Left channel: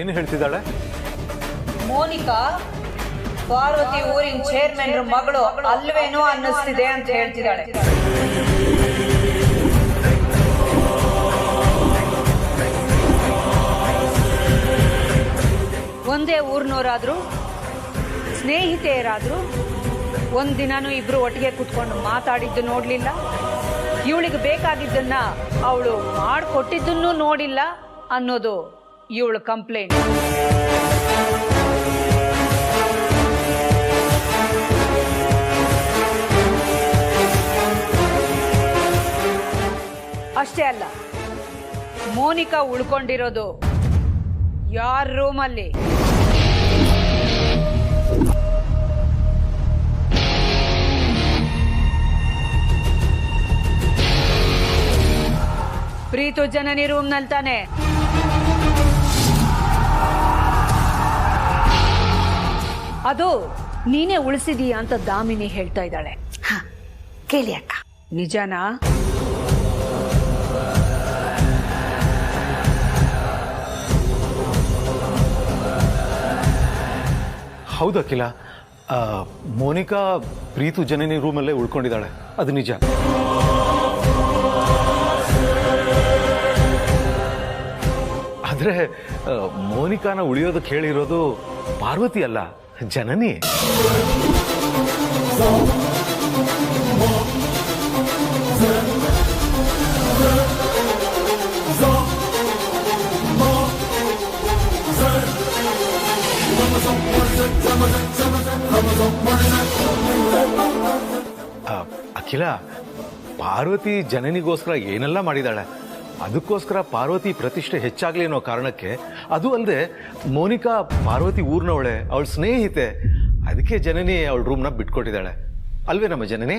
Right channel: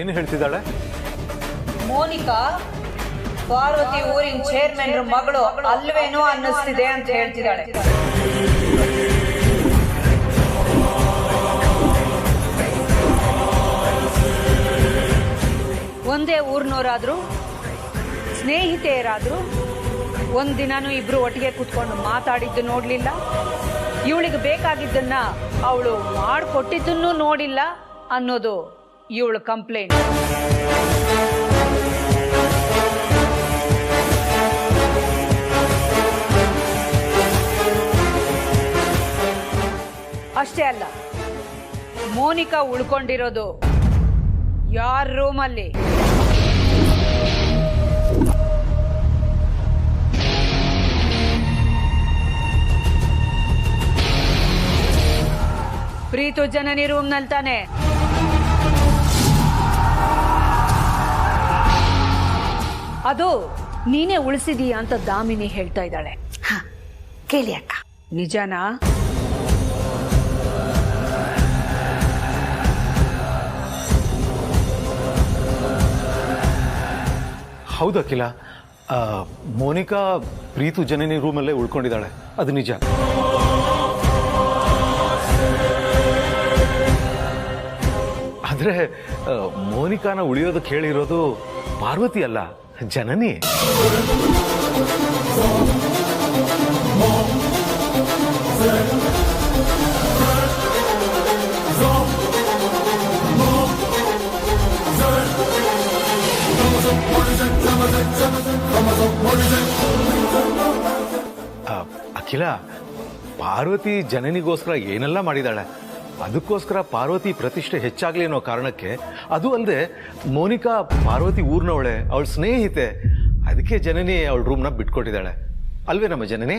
ಏನು ಹೇಳ್ತಿದ್ದಾಳೆ? ಮೋನಿಕಾ ಪಾರ್ವತಿ ಊರಿನ ಚೇರ್ಮನ್ ಮಗಳು ಅಲ್ವೇನೋ ಅನ್ನಿಸ್ತಿದೆ ಅಂತ ಹೇಳ್ತಿದ್ದಾಳೆ. ಒಂದೇ ಊರ್ನವರಾದ್ರು ಸ್ನೇಹಿತೆಯರಾದ್ರು ಒಂದಿನಾನು ಇಬ್ರು ಒಟ್ಟಿಗೆ ಕುತ್ಕೊಂಡು ಮಾತಾಡಿದ್ದು ನೋಡ್ಲಿಲ್ಲ. ಇವಳಿಗೆ ಬೇಕಾಗಿದ್ದನ್ನ ಅವಳು ಮಾಡಿಕೊಟ್ಟಿದ್ದನ್ನು ನೋಡಿಲ್ಲ ಅನ್ನೋದು ಇವಳು ಕಂಪ್ಲೇಂಟ್. ಅಷ್ಟೇ ಅಲ್ಲ, ಮೋನಿಕಾ ಉಳ್ಕೊಂಡಿರೋದು ಯಾರ ರೂಮಲ್ಲಿ? ಪ್ರೀತು ಜನನಿ ರೂಮ್ನಲ್ಲಿ ತಾನೆ. ಅದು ನೀನೇ ಉಳಿಸಿದೀಯ ಅಂತ ದಾಮಿನಿ ಹೇಳ್ತಾ ಇದ್ದಾಳೆ. ಕೇಳಿ ಅಕ್ಕ, ನಿಜನಾ? ಹೌದು ಅಖಿಲ, ಮೋನಿಕಾ ಪ್ರೀತು ಜನನಿ ರೂಮಲ್ಲೇ ಉಳ್ಕೊಂಡಿದ್ದಾಳೆ, ಅದು ನಿಜ. ಆದ್ರೆ ಮೋನಿಕಾನ ಉಳಿಯೋದಕ್ಕೆ ಹೇಳಿರೋದು ಪಾರ್ವತಿ ಅಲ್ಲ, ಜನನಿ. ಅಖಿಲ, ಪಾರ್ವತಿ ಜನನಿಗೋಸ್ಕರ ಏನೆಲ್ಲ ಮಾಡಿದಾಳೆ. ಅದಕ್ಕೋಸ್ಕರ ಪಾರ್ವತಿ ಪ್ರತಿಷ್ಠೆ ಹೆಚ್ಚಾಗ್ಲಿ ಅನ್ನೋ ಕಾರಣಕ್ಕೆ, ಅದು ಅಲ್ಲದೆ ಮೋನಿಕಾ ಪಾರ್ವತಿ ಊರ್ನವಳೆ, ಅವಳ ಸ್ನೇಹಿತೆ, ಅದಕ್ಕೆ ಜನನಿ ಅವಳ ರೂಮ್ನ ಬಿಟ್ಕೊಟ್ಟಿದ್ದಾಳೆ ಅಲ್ವೇ ನಮ್ಮ ಜನನಿ?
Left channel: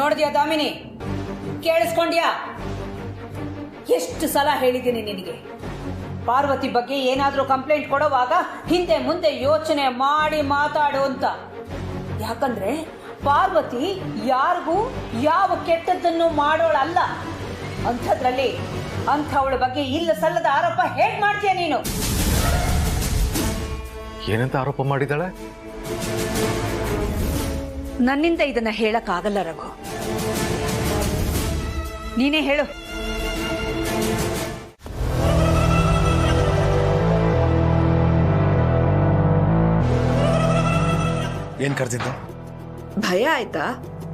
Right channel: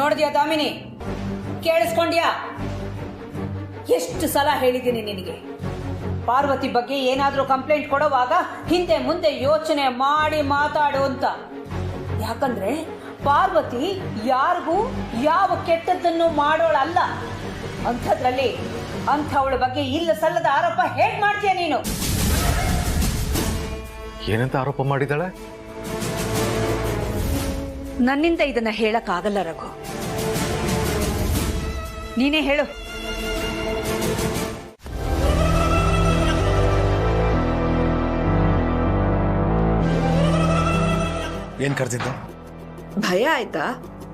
ನೋಡಿದ್ಯಾ ದಾಮಿನಿ? ಕೇಳಿಸ್ಕೊಂಡ್ಯಾ? ಎಷ್ಟು ಸಲ ಹೇಳಿದ್ದೀನಿ ನಿನಗೆ, ಪಾರ್ವತಿ ಬಗ್ಗೆ ಏನಾದ್ರೂ ಕಂಪ್ಲೇಂಟ್ ಕೊಡುವಾಗ ಹಿಂದೆ ಮುಂದೆ ಯೋಚನೆ ಮಾಡಿ ಮಾತಾಡು ಅಂತ. ಯಾಕಂದ್ರೆ ಪಾರ್ವತಿ ಯಾರಿಗೂ ಯಾವ ಕೆಟ್ಟದ್ದನ್ನು ಮಾಡೋಳಲ್ಲ. ಅಂಥದ್ರಲ್ಲಿ ಅಂಥವಳ ಬಗ್ಗೆ ಇಲ್ಲ ಸಲ್ಲದ ಆರೋಪ ಹೇಗ್ ಮಾಡ್ತೀಯ ನೀನು? ಏನಂತ ಆರೋಪ ಮಾಡಿದಾಳೆ? ನನ್ನಿಂದ ಇದನ್ನ ಹೇಳಕ್ ಆಗಲ್ಲ ರಘು, ನೀನೇ ಹೇಳು. ಏನ್ ಕರ್ತಿದ್ದು? ಭಯ ಆಯ್ತಾ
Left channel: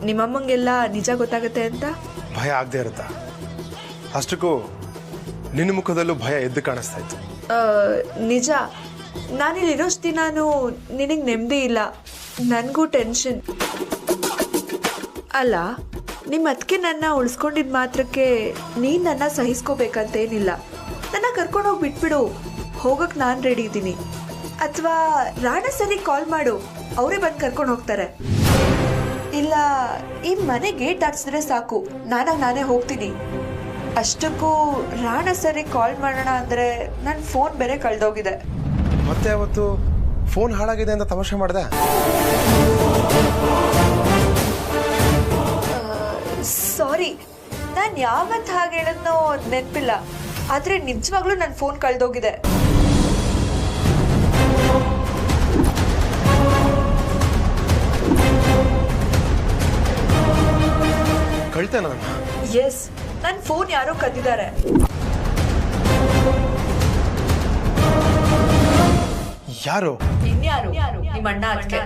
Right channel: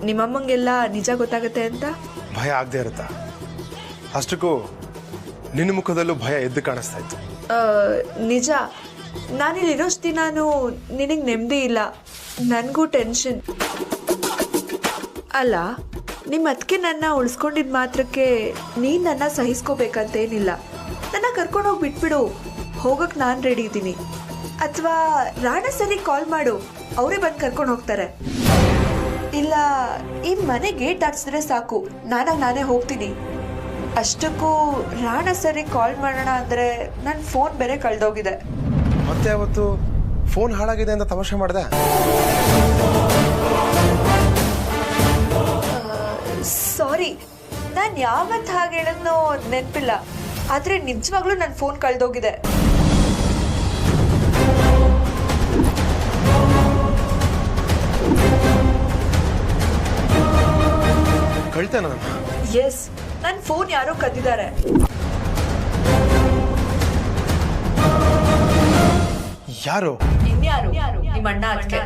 ನಿಮ್ಮಮ್ಮಂಗೆಲ್ಲ ನಿಜ ಗೊತ್ತಾಗತ್ತೆ ಅಂತ? ಭಯ ಆಗದೆ ಇರುತ್ತಾ? ಅಷ್ಟಕ್ಕೂ ನಿನ್ನ ಮುಖದಲ್ಲೂ ಭಯ ಎದ್ದು ಕಾಣಿಸ್ತಾ ಇತ್ತು. ನಿಜ, ನಾನಿಲ್ಲಿರೋಷ್ಟು ದಿನಾನು ನಿನಗೆ ನೆಮ್ಮದಿ ಇಲ್ಲ, ನನಗೂ ಟೆನ್ಷನ್. ಅಲ್ಲ, ನಿಮ್ಮ ಅದಕ್ಕೆ ನನ್ನ ಉಳಿಸ್ಕೊಂಡಿದ್ ಮಾತ್ರಕ್ಕೆ ನೀನು ನನ್ನ ಸಹಿಸ್ಕೋಬೇಕಂತೇನಿಲ್ಲ. ನನ್ನ ಕರ್ಕೊಂಡೋಗಿ ಬಿಟ್ಬಿಡು, ಹೋಗಕ್ಕೆ ನಾನು ರೆಡಿ ಇದ್ದೀನಿ. ಅಥವಾ ರಾಣ ಸರಿ ಕಾಲ್ ಮಾಡು, ಅವರೇ ಬಂದು ಕರ್ಕೊಂಡು ಹೋಗ್ತಾರೆ. ಇಲ್ಲ, ಈ ಮನೆ ಗೇಟ್ ಹಾಕ್ಸಿದ್ರೆ ಸಾಕು, ನಾನೇ ಹೋಗ್ತೀನಿ. ಅಷ್ಟಕ್ಕೂ ರಾಣ ಸರಿ ಕಾಲ್ ಮಾಡೋಣ ಅಂದರೆ ನನ್ನ ಫೋನ್ ಬೇರೆ ಕಳೆದೋಗಿದೆ. ಮತ್ತೆ ಅವತ್ತು ಫೋನ್ ಹಾಳಾಗಿದೆ ಅಂತ ತಮಾಷೆ ಮಾಡಿದೆ. ಸಾರಿ, ನಾನು ಯಾವತ್ತು ಹಾಗೆ ಹೇಳೋದ್ನೋ ನೆನಪಿಲ್ಲ, ಆದರೆ ನಿಜವಾಗ್ಲೂ ನನ್ನ ಫೋನ್ ಕಳೆದೋಗಿದೆ. ಕಳ್ತೆ ನಾನು? ಎಸ್, ನನ್ನ ಫೋನ್ ಯಾರೋ ಕದ್ದಿದ್ದಾರೆ. ಯಾರು? ಇನ್ಯಾರು? ನಿಮ್ಮ ಅಣ್ಣ. ಅದಕ್ಕೆ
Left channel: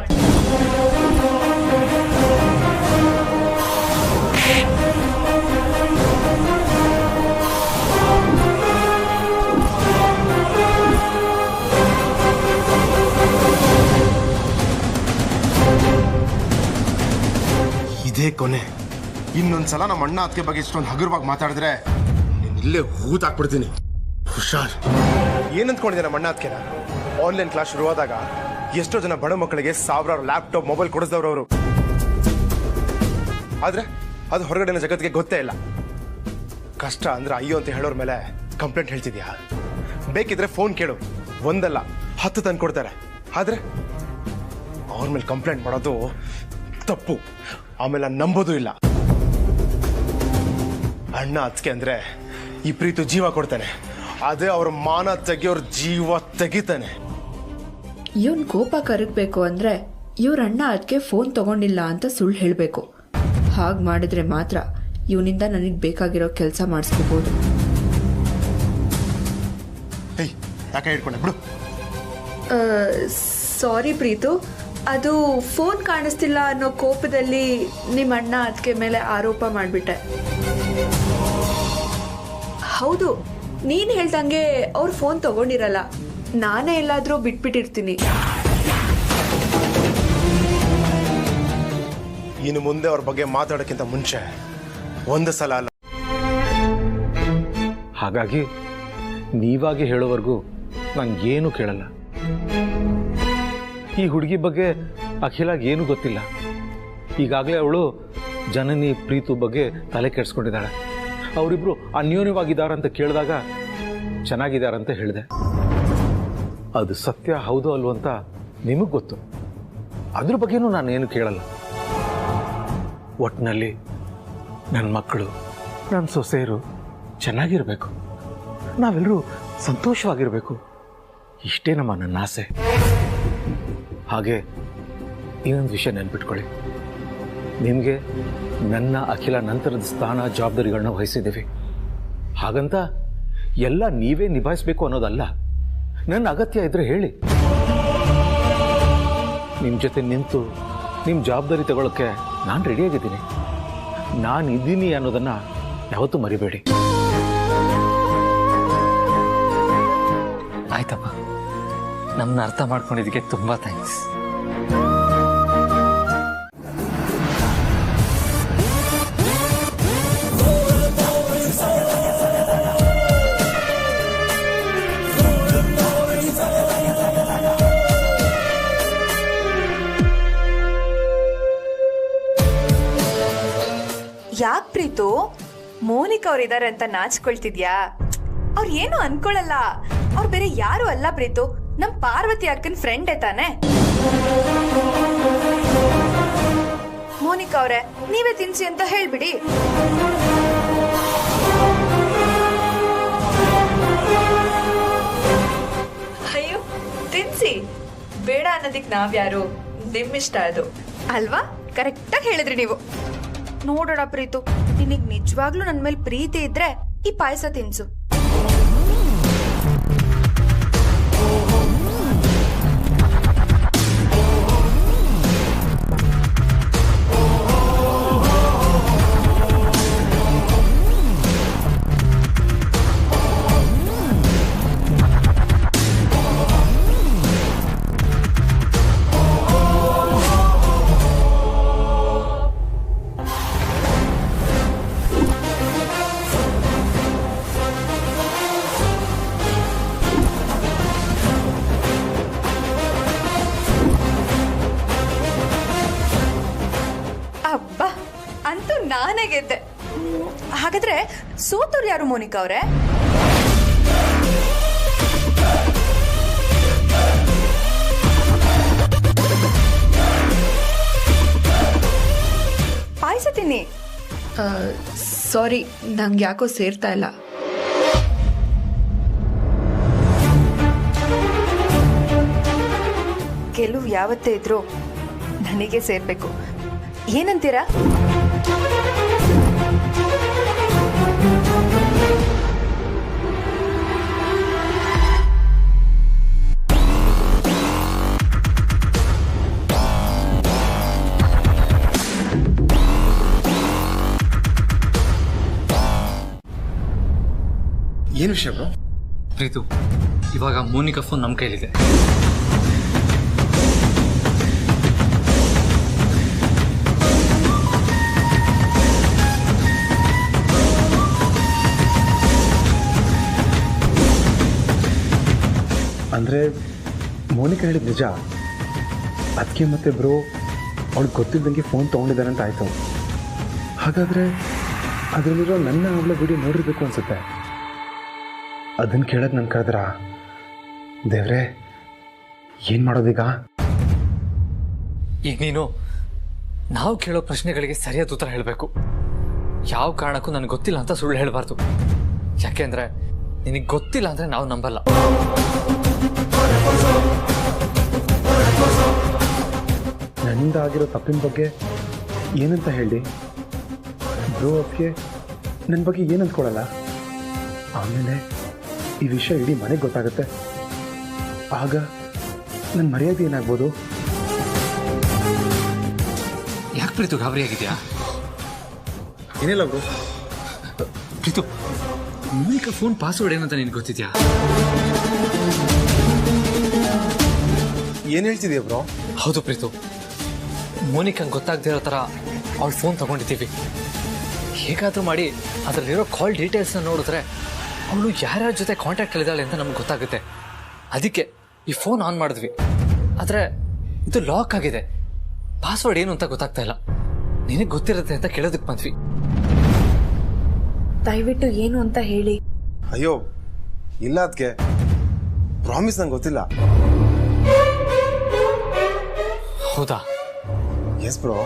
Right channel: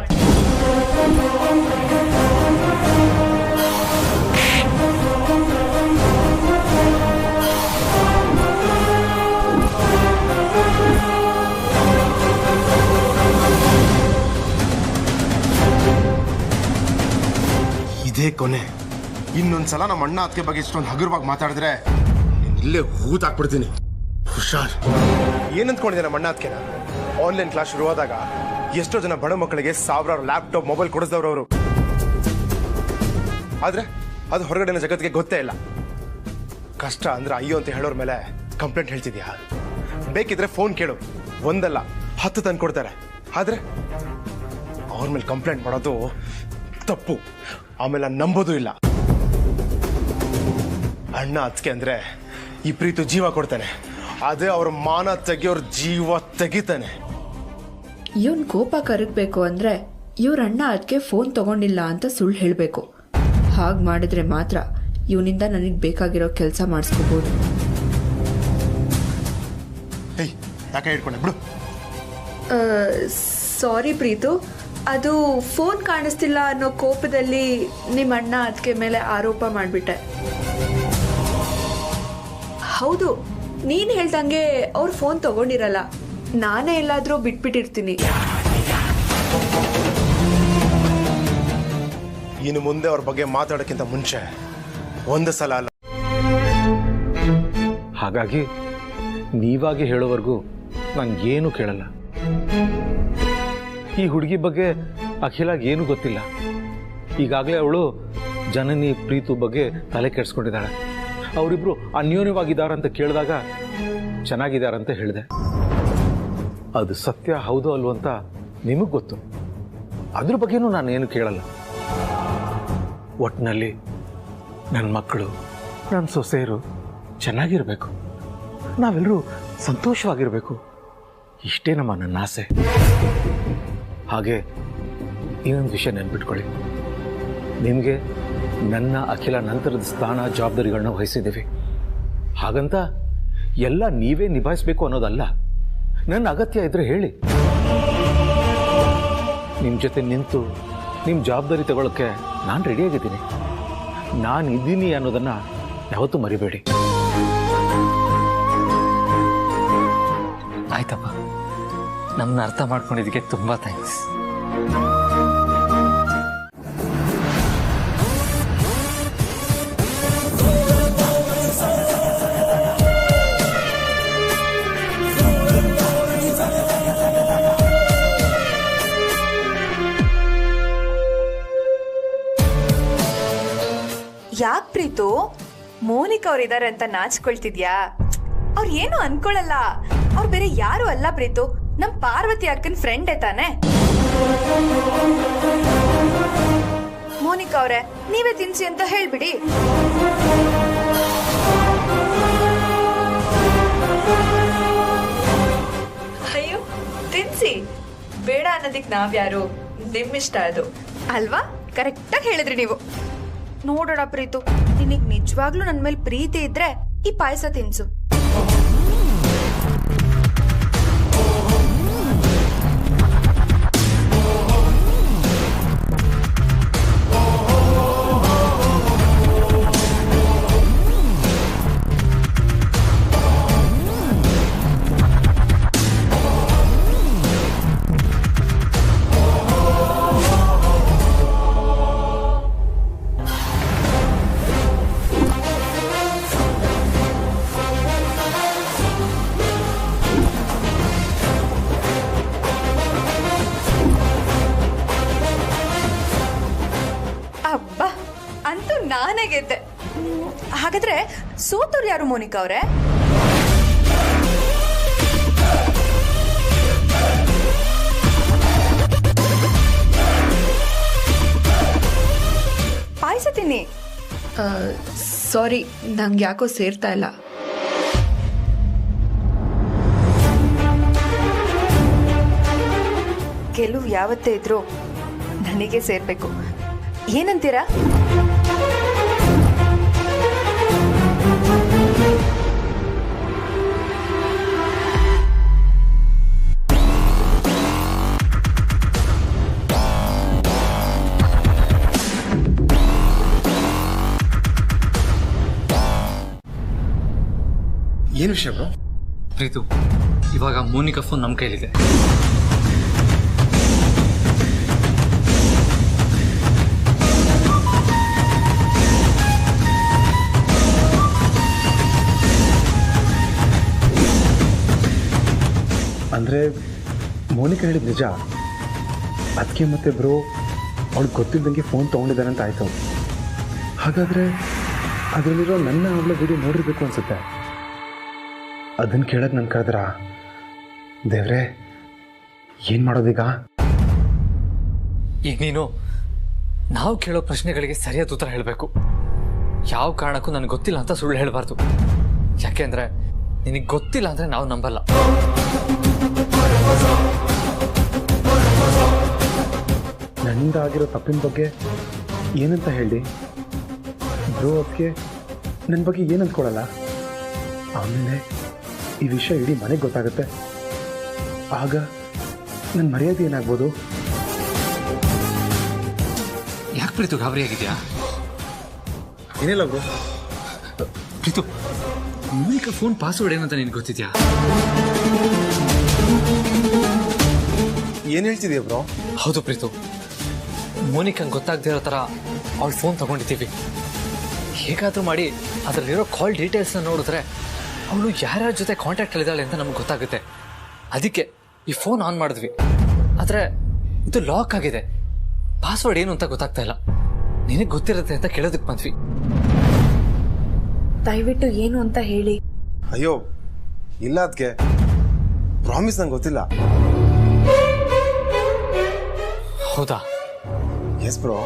ಇದೇ ಕೊನೆ. ಇನ್ನೊಂದ್ಸಲ ನಮ್ಮ ಅಣ್ಣ ಅದಕ್ಕೆ ಬಗ್ಗೆ ಇಷ್ಟೊಂದು ಹಗುರವಾಗಿ ಮಾತಾಡಿದ್ರೆ ನೀನು ಇಲ್ಲೇ ಹೂತಾಕ್ಬಿಡ್ತೀನಿ. ಹುಷಾರ್. ಏನಂತ್ಕೊಂಡಿದ್ದೆ ನಮ್ಮ ಅಣ್ಣ ಅದಕ್ಕೆನ? ಆನ್ಲೈನ್ ಕ್ಲಾಸ್ ಶುರುವಾದಾಗ ಎಷ್ಟೋ ಜನ ಬಡ ಮಕ್ಕಳಿಗೆ ಸಾವಿರಾರು ಲ್ಯಾಪ್ಟಾಪ್ ಮೊಬೈಲ್ ಕೊಡಿಸಿದವರು ಅವರು. ಆದ್ರೆ ಅದು ಹೊರಗಡೆನ ಜಗತ್ತಿಗೆ ಗೊತ್ತೇ ಇಲ್ಲ. ಕಷ್ಟ ಅಂದ್ರೆ ಅಯ್ಯೋ ಅಂತ ಹೇಳೋರ್ ಮೇಲೆ ಕಂಪ್ಲೇಂಟ್ ಹೇಳ್ತಿದ್ಯಾ? ಬೇಕಿದ್ರೆ ಫೋನ್ ಕೇಳು, ಒಂದಲ್ಲ 10 ತಂದು ಕೊಡ್ತಾರೆ. ಆದ್ರೆ ಅವ್ರ ಮೇಲೆ ಕಂಪ್ಲೇಂಟ್ ಮಾಡೋದು ತಪ್ಪು. ಆಮೇಲೆ ನಂಬೋದು ಇಲ್ಲ. ಅಣ್ಣ ಅದಕ್ಕೆ ಅಂದ್ರೆ ಈ ಪ್ರೀತು ಜೀವ ಕೊಡ್ತಾನೆ, ಅದೇ ಅವ್ರ ಮಾನ ತೆಗಿಯೋರ್ ಜೀವ ತೆಗಿತಾನೆ. ಇವನ್ ಕೋಪ ಕರಗಬೇಕು ಅಂದ್ರೆ ಇವ್ರ ಅಣ್ಣ ಅದಕ್ಕೆ ಫೋನ್ ತಗೊಂಡಿಲ್ಲ ಅಂತ ಸುಳ್ಳು ಹೇಳಬೇಕು. ಹಾಗೆ ಮಾಡಿದ್ರೆ ಮಾತ್ರ ಇವನಿಂದ ನನಗೆ ಬೇಕಾಗಿರೋ ಕೆಲಸ ಮಾಡಿಸ್ಕೋಬಹುದು. ಹೇಯ್, ಯಾಕೆ ಹಿಡ್ಕೊಂಡೆ ಬಿಡು. ಸಾರಿ ಪ್ರೀತು, ಅದು ಫೋನ್ ಕಾಣಿಸ್ತಿಲ್ಲ ಅನ್ನೋ ಕೋಪದಲ್ಲಿ ನಿಮ್ಮ ಅಣ್ಣ ಅದಕ್ಕೆ ಮೇಲೆ ಆರೋಪ ಮಾಡಿಬಿಟ್ಟೆ. ಹೌದು, ನೀನ್ ಹೇಳ್ದಂಗೆ ಅವ್ರು ಫೋನ್ ತಗೊಂಡಿರಲ್ಲ, ನಾನೇ ಎಲ್ಲಾದ್ರೂ ಬಿಟ್ಬಿಟ್ಟಿರ್ತೀನಿ. ಇನ್ನು ಮುಂದೆ ಅವ್ರ ಬಗ್ಗೆ ಮಾತಾಡೋಕ್ಕಿಂತ ಮುಂಚೆ ಒಂದು ಸಲ ಅಲ್ಲ. ಹಾಗಾಗಿ ನೀವಾಗಿ ಹೇಳೋವರೆಗೂ ನಾನು ಏನು ಕೇಳಲ್ಲ. ಈ ಹುಡುಗಿ ಬಗ್ಗೆ ಅಖಿಲಾಗ ಏನು ಗೊತ್ತಿಲ್ಲ. ಈಗಾಗಲೇ ಅವಳು ಜನನಿ ಪ್ರೀತು ಬಗ್ಗೆ ತಲೆ ಕೆಡಿಸ್ಕೊಂಡಿದ್ದಾಳೆ. ಅವರಿಬ್ರು ಅನ್ಯೋನ್ಯವಾಗಿದ್ದಾರಂತ ಕೇಳಿದಾಗ ಚೆನ್ನಾಗಿದ್ದಾರಂತ ಹೇಳಿದೆ. ಅದು ಸತ್ಯ ಹೌದು ಅಲ್ವೋ ಅಂತ ನಿಮಗೆ ಗೊತ್ತು. ಅದ್ರ ಬಗ್ಗೆನೂ ನಾನೇನು ಕೇಳಲ್ಲ. ಒಟ್ಟಿನಲ್ಲಿ ನನ್ನ ಮಕ್ಕಳು, ನನ್ನ ಸೊಸೆಯರು ಚೆನ್ನಾಗಿರಬೇಕು, ನಾವೆಲ್ಲರೂ ಸಂತೋಷವಾಗಿರಬೇಕು, ಇಷ್ಟೇ ನನ್ನ ಆಸೆ. ಹಾಗೆ ಇನ್ನೊಂದು ವಿಷಯ ನೆನ್ಪಿಟ್ಕೊಳ್ಳಿ, ನಿಮಗೆ ನನ್ನ ಅಖಿಲ ನಂತರದ ಸ್ಥಾನ ಜವಾಬ್ದಾರಿಗಳನ್ನ ವಹಿಸಿದ್ದೀವಿ. ಹಾಗಂತ ಎಲ್ಲ ನೀವೇ ನಿಭಾಯಿಸಬೇಕು ಅನ್ನೋದಲ್ಲ. ನನ್ನ ಅಗತ್ಯ ಇದ್ರೆ ಹೇಳಿ, ನಿಮ್ಮ ಜೊತೆ ನಿಂತು ನಿಮ್ಮ ಜವಾಬ್ದಾರಿ ತಗೊಳ್ಳೋಕ್ಕೆ ನಾನು ರೆಡಿಯಾಗಿದ್ದೀನಿ. ನಾನು ಇದ್ದೀನಿ ಅನ್ನೋದನ್ನ ಯಾವತ್ತೂ ಮರಿಬೇಡಿ. ಆಯ್ತಪ್ಪ, ನಮ್ಮನ್ನ ಅರ್ಥ ಮಾಡ್ಕೊಂಡಿದ್ದಕ್ಕೆ ತುಂಬ ಥ್ಯಾಂಕ್ಸ್. ಯಾಕೆ ಪ್ರೀತು, ಮೋನಿಕಾ ಅವ್ರಿದ್ದಾರೆ ಅಂತ ನಾಚ್ಕೊಳ್ತಿದ್ಯಾ? ಅವ್ರು ಏನು ಅನ್ಕೊಳಲ್ಲ. ಅವ್ರು ಬೇರೆ ಯಾರು ಅಲ್ಲ ಪ್ರೀತು, ನಮ್ ಪಾರ್ವತಿ ಅಕ್ಕನ ಫ್ರೆಂಡೇ ತಾನೆ. ಮೋನಿಕಾ ಅವ್ರೆ, ನೀವೇ ತಿನ್ಸಿ ಅಂತ ಹೇಳ್ಬಿಡಿ. ಅಯ್ಯೋ, ತಿನ್ಸಿ. ಬೇಡ ಅನ್ನೋದಿಕ್ ನಾವ್ಯಾರು? ನಿಮ್ಮಿಷ್ಟ ಅದು ಅಲ್ವಾ? ಕರೆಕ್ಟಾಗಿ ಹೇಳಿದ್ರಿ ನೀವು. ನೋಡೋಣ ಪ್ರೀತು, ನಿನಗ್ ನಿಜವಾಗ್ಲೂ ನನ್ ಮೇಲೆ ಪ್ರೀತಿ ಇದ್ರೆ ಈ ಪಾಯಸ ತಿನ್ಸು. ಅಬ್ಬಾ, ಅಂತೂ ನಾನೇ ಗೆದ್ದೆ. ಹಾಗಾದ್ರೆ ಸೋತವ್ರು ಯಾರು ಮೋನಿಕಾ ಅವ್ರೆ? ಪಾಯಸ ತಿನ್ನಿ. ಸಾರಿ, ನಂಗೆ ಯಾಕೋ ಸೇರ್ತಾ ಇಲ್ಲ. ಗೆಲುವು ಯಾವತ್ತೇ ಇದ್ರು ನನಗೆ ಸೇರ್ಬೇಕು. ಏನಂತೀರಾ? ಏನು ವಿಷಯ ಬ್ರೋ? ಪ್ರೀತು, ಇವಾಗ ಮೋನಿಕಾ ಫೋನ್ ನಮ್ಮ ಕೈಲಿದೆ. ಅಂದರೆ ಮೋನಿಕಾ ಹೇಳಿದ ನಿಜ. ಅದಕ್ಕೆ ಮತ್ತೆ ಬ್ರೋ ಅವಳು ಗೊತ್ತಿದ್ದಂಗೆ ಫೋನ್ ತೊಗೊಂಡಿದ್ದಾನೆ ಅಂತ ಆಯಿತು. ಹಾಗಾದರೆ ಅದರಲ್ಲಿರೋ ನನ್ನ ಅವಳ ವಿಡಿಯೋ ನೋಡಿರ್ಬೇಕು ಅನಿಸುತ್ತೆ. ಅದನ್ನು ಕೇಳೋದು ನನ್ನ ಕರೆದ್ರ ದೇವ್ರೆ ಏನು ಮಾಡೋದೀಗ? ಈಗ ನೀನು ನಾವು ಕೇಳೋ ಪ್ರಶ್ನೆಗಳಿಗೆ ಸರಿಯಾದ ಉತ್ತರ ಹೇಳಬೇಕು. ಯಾವ ಕಾರಣಕ್ಕೂ ನನಗೆ ಗೊತ್ತಿಲ್ಲ ಅಂತ ಸುಳ್ಳು ಹೇಳಬಾರ್ದು. ಯಾಕೆಂದ್ರೆ ನಿನಗೆ ಗೊತ್ತಿಲ್ಲ ಅಂದ್ರೆ ನಾವು ನಂಬಲ್ಲ. ನನ್ನಿಂದ ಆಗಿರೋ ತಪ್ಪಿನ ಬಗ್ಗೆ ಏನಂತ ಹೇಳಿ ಬ್ರೋ? ಅದಕ್ಕೆ ನನ್ನ ಬಗ್ಗೆ ಏನು ಅಂದ್ಕೊಳ್ಳಲ್ಲ. ಆಮೇಲೆ ಈ ವಿಷಯ ಇಡೀ ಮನೆಗೆ ಗೊತ್ತಾಗುತ್ತೆ. ಆಗ ನನ್ನ ಮರ್ಯಾದೆ ಏನಾಗ್ಬೋದು? ಯಾಕೆ ಪ್ರೀತು ಗಾಬರಿ ಆಗಿದ್ಯಾ? ಏನಿಲ್ಲ bro. Preethu, Monica phone password ಏನಂತ ನಿನ್ಗೆ ಗೊತ್ತಿದ್ಯಾ? ಏನ್ ಹೇಳ್ತಿದ್ಯಾ ಬ್ರೋ? ಹೌದು ಪ್ರೀತು, ಮೋನಿಕಂಗೆ ಗೊತ್ತಾಗದೇ ಇರೋ ಥರ ಅವಳ ಫೋನ್ ತಗೊಂಡಿದ್ದೀವಿ. ಹೇಗಾದರೂ ಮಾಡಿ ಅದರಲ್ಲಿರೋ ಕಾಲ್ ಡೀಟೇಲ್ಸ್ನ ನೋಡಿದ್ರೆ ಅವಳು ಯಾರ್ಯಾರ ಜೊತೆ ಕಾಂಟ್ಯಾಕ್ಟಲ್ಲಿದ್ದಾಳೆ ಅಂತ ನಮ್ಗೆ ಗೊತ್ತಾಗುತ್ತೆ. ಅದಕ್ಕೆ ಈ ಫೋನ್ ಆನ್ ಮಾಡಿದ್ವಿ. ಆದರೆ ಇದು ಲಾಕ್ ಆಗಿದೆ. ಪಾಸ್ವರ್ಡ್ ಏನು ಅಂತ ಗೊತ್ತಾಗ್ತಾ ಇಲ್ಲ. ನಿನಗೆ ಗೊತ್ತಿರುತ್ತೆ ಅಂತ ಕೇಳೋದಕ್ಕೆ ಬಂದ್ವಿ. ದಯವಿಟ್ಟು ಏನು ಅಂತ ಹೇಳಿ. ಅಯ್ಯೋ ಇಲ್ಲ, ಅದಕ್ಕೆ ಪ್ರಾಮಿಸ್ ನಂಗೆ ಗೊತ್ತಿಲ್ಲ. ಹೌದಾ? S bro.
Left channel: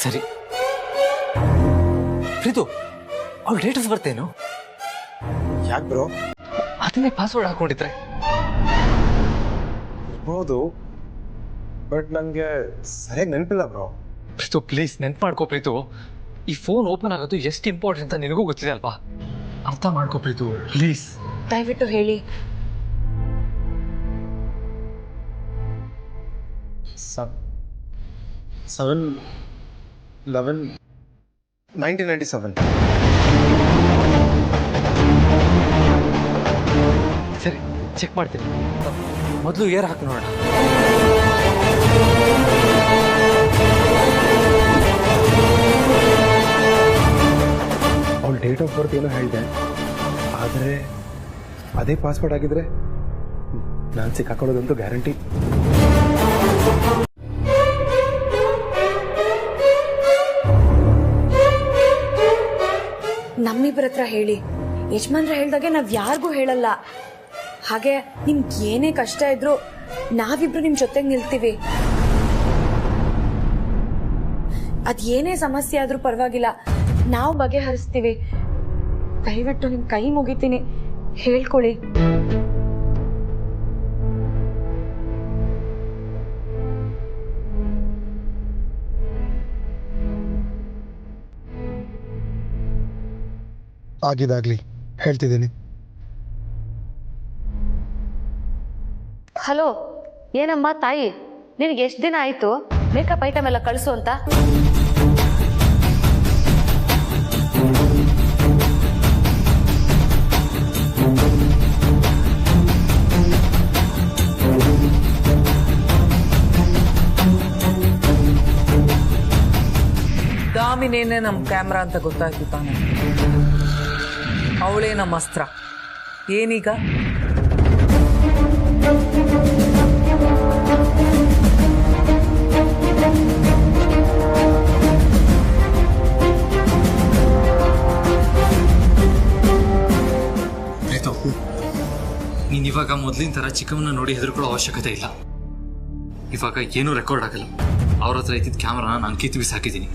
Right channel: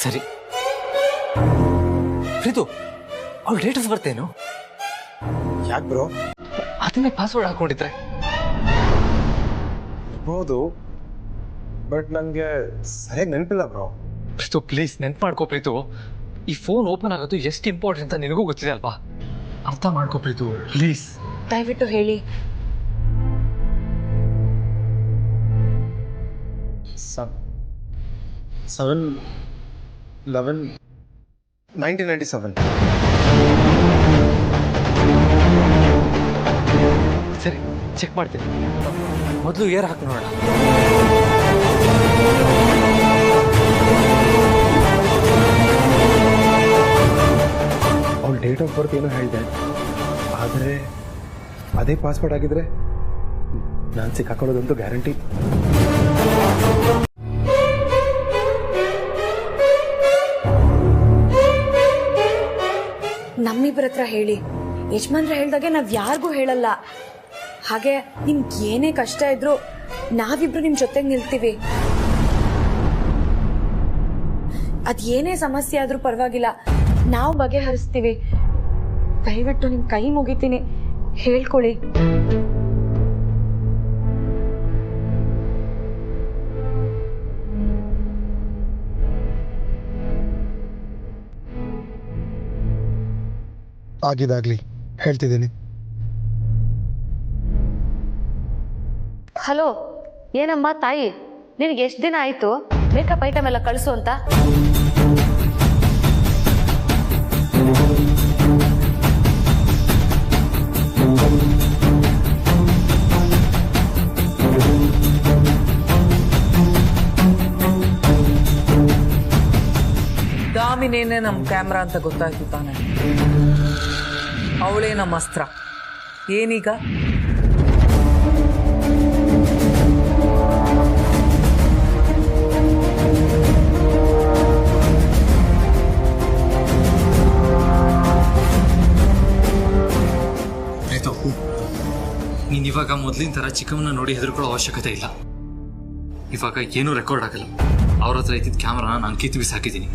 ಸರಿ ಪ್ರೀತು, ಅವಳ ಡೇಟ್ ಆಫ್ ಬರ್ತ್ ಏನು? ಯಾಕೆ ಬ್ರೋ? ಅದನ್ನೇ ಪಾಸ್ವರ್ಡ್ ಹಾಕೊಂಡಿದ್ರೆ ಇರ್ಬೋದು, ಬಟ್ ನನಗೆ ಸರಿಯಾಗಿ ನೆನಪಿಲ್ಲ ಬ್ರೋ. ಪ್ರೀತು ಪ್ಲೀಸ್ ನೆನ್ಪು ಮಾಡ್ಕೋ ಪ್ರೀತು. ಈ ಫೋನ್ ಓಪನ್ ಆಗೋದು ಎಷ್ಟು ಇಂಪಾರ್ಟೆಂಟ್ ಅಂತ ನಿನಗೂ ಗೊತ್ತಿದೆ ಅಲ್ವಾ? ಅರ್ಥ ಮಾಡ್ಕೋ ಪ್ರೀತು ಪ್ಲೀಸ್. ದಯವಿಟ್ಟು ಹೇಳಿ. 7/11/1997. ಸರಿ, ಚೆಕ್ ಮಾಡ್ತೀನಿ. ಮೊದಲು ಏರ್ ಹಾಕಿ ನೋಡೋಣ. ಅವಳು ಡೇಟ್ ಆಫ್ ಬರ್ತ್ ಏನೋ ಹೇಳಿದೆ, ಆದರೆ ಅದೇ ಪಾಸ್ವರ್ಡ್ ಆಗಿದ್ರೆ ನಾನು ಸಿಕ್ಕಾಕೊಳ್ಳೋದಂತೂ ಗ್ಯಾರಂಟಿ. ನಮ್ಮಿಬ್ಬರ ಹತ್ರ ಹೇಳಿ. ಯಜಮಾನ್ರ ಹೇಳ್ದಾಗೆ ನಾವ್ ಯಾರಿಗೂ ಹೇಳಲ್ಲ. ಹಾಗೆ ನಿಮ್ಗೆ ಏನೇ ಕಷ್ಟ ಇದ್ರು ನಾವಿಬ್ರು ನಿಮ್ ಜೊತೆಗೆ ನಿಲ್ತೀವಿ. ಅದೇನೇ ಸಮಸ್ಯೆ ಆದ್ರೂ ಪರವಾಗಿಲ್ಲ, ನಾವು ಬಗೆಹರಿಸ್ತೀವಿ. ದಯವಿಟ್ಟು ನಿಮ್ ಕೈ ಮುಗಿತೀನಿ, ಹೇಳ್ಕೊಳ್ಳಿ. ಆಗಿದಾಗ್ಲಿ ಹೇಳ್ತಿದ್ದೀನಿ. ಹಲೋ, ಏನಮ್ಮ ತಾಯಿ, ನಿನಗೆ ಎಷ್ಟು ದಿನ ಆಯಿತು ಮೇಕಪ್ ಐಟಮ್ ಎಲ್ಲ ಕಳಿಸು ಅಂತ? ದಾಮಿನೇನೆ ನಮ್ಮ ಕ್ಯಾಮ್ರಾ ಅಂತ ಗೊತ್ತಾಯ್ತು ತಾನೆ. ಅವಳೇ ನಮ್ಮ ಅಸ್ತ್ರ. ಏನೀಗ? ಪ್ರೀತು, ನೀನ್ ಇವಾಗ ಮೊದಲಿನ ತರ ಚಿಕ್ಕಮ್ಮನ ನೋಡಿ ಹೆದರ್ಕೊಳ್ಳೋ ಅವಶ್ಯಕತೆ ಇಲ್ಲ. ಇವಾಗ ಏನೂ ರೆಕಾರ್ಡ್ ಆಗಲ್ಲ. ಅವ್ರ ಹತ್ರ ಇದ್ದಿದ್ದ ಕ್ಯಾಮ್ರಾನ ನಾನು ಕಿತ್ತು ಬಿಸಾಕಿದ್ದೀನಿ.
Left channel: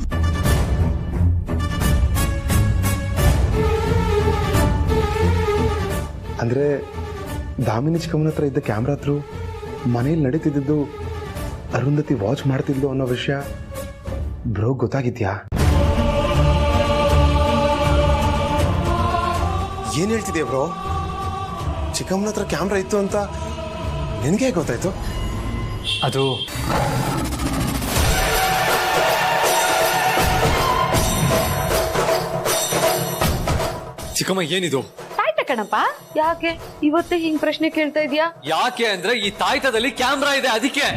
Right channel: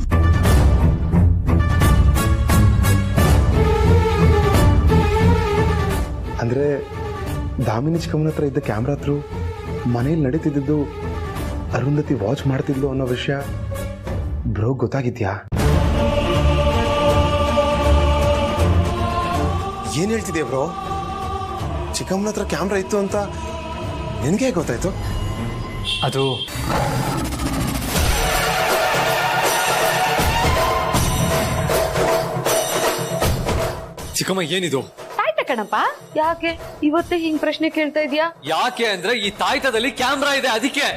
ಅಂದರೆ ದಾಮಿನಿ ಚಿಕ್ಕಮ್ಮನ ಹತ್ರ ಇದ್ದ ಕ್ಯಾಮ್ರಾ ಹತ್ರ ಮನೇಲಿ ನಡೀತಿದ್ದು ಅರುಂಧತಿ ವಾಚ್ ಮಾಡ್ತಿದ್ಲು ಅನ್ನೋ ವಿಷಯ ಬ್ರೋ ಗೊತ್ತಾಗಿದ್ಯಾ? ಏನ್ ಹೇಳ್ತಿದ್ಯಾ ಬ್ರೋ? ಚಿಕ್ಕಮ್ಮನ ಹತ್ರ ಕ್ಯಾಮ್ರಾ ಇತ್ತು ಅಂತ ನಿನಗೆ ಗೊತ್ತಾಯ್ತು? ಅದು ಚಿಕ್ಕಮ್ಮ, ಏನಿದು? ತಾಯ್ತ ಕಣಪ್ಪ. ಯಾಕೆ ಇವತ್ತೇ ಹಿಂಗ್ ಪ್ರಶ್ನೆ ಕೇಳ್ತಾ ಇದೀಯಾ? ಯಾಕೆ ಅಂದ್ರೆ ಈ ತಾಯ್ತದಲ್ಲಿ ಕ್ಯಾಮ್ರಾ ಇದೆ, ಅದಕ್ಕೆ.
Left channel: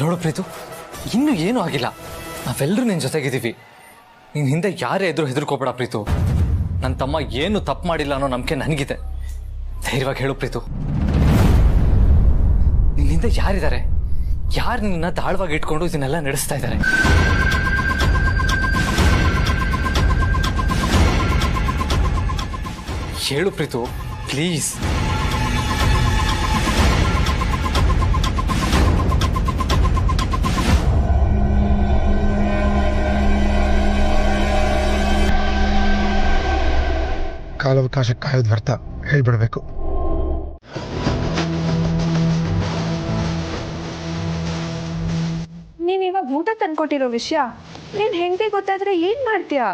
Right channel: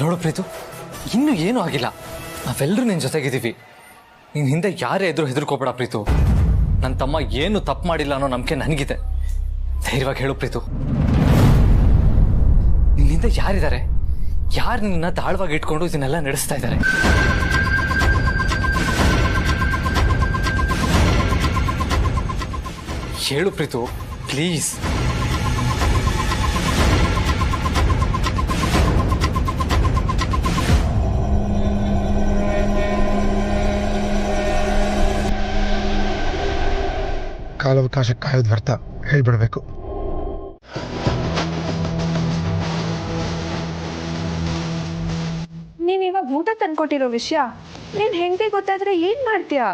ನೋಡು ಪ್ರೀತು, ಇನ್ನೂ ಏನೂ ಆಗಿಲ್ಲ. ನಾವೆಲ್ಲರೂ ನಿನ್ ಜೊತೆಗಿದ್ದೀವಿ. ನಿನ್ ಹಿಂದೆ ಯಾರೇ ಎದುರು ಹೆದರ್ಕೋಬೇಡ ಪ್ರೀತು. ನನ್ನ ತಮ್ಮ ಏನು ತಪ್ಪು ಮಾಡಿಲ್ಲ ಅನ್ನೋ ನಂಬಿಕೆ ನನಗಿದೆ. ಧೈರ್ಯವಾಗಿ ಹೇಳು ಪ್ರೀತು. ನಿನ್ನ ಹಿಂದೆ ಯಾರಿದ್ದಾರೆ? ಯಾರು ನಿನ್ನ ದಾಳವಾಗಿ ಇಟ್ಕೊಂಡು ಇದನ್ನೆಲ್ಲ ನಡೆಸ್ತಾ ಇದ್ದಾರೆ? ಹೇಳು ಪ್ರೀತು ಪ್ಲೀಸ್. ಕಾಲಾವಕಾಶ ಕಾಯೋದು ವ್ಯರ್ಥ, ಹೇಳ್ಬಿಡ್ಬೇಕು. ನೀನ್ ಇವಾಗ ಊಟ ತಂದ್ಕೊಟ್ಟಿರೋ ವಿಷಯ ನೀನ್ ಹೆಂಗೆ ಗೊತ್ತಾದ್ರೆ ಏನ್ ಮಾಡ್ತೀಯಾ?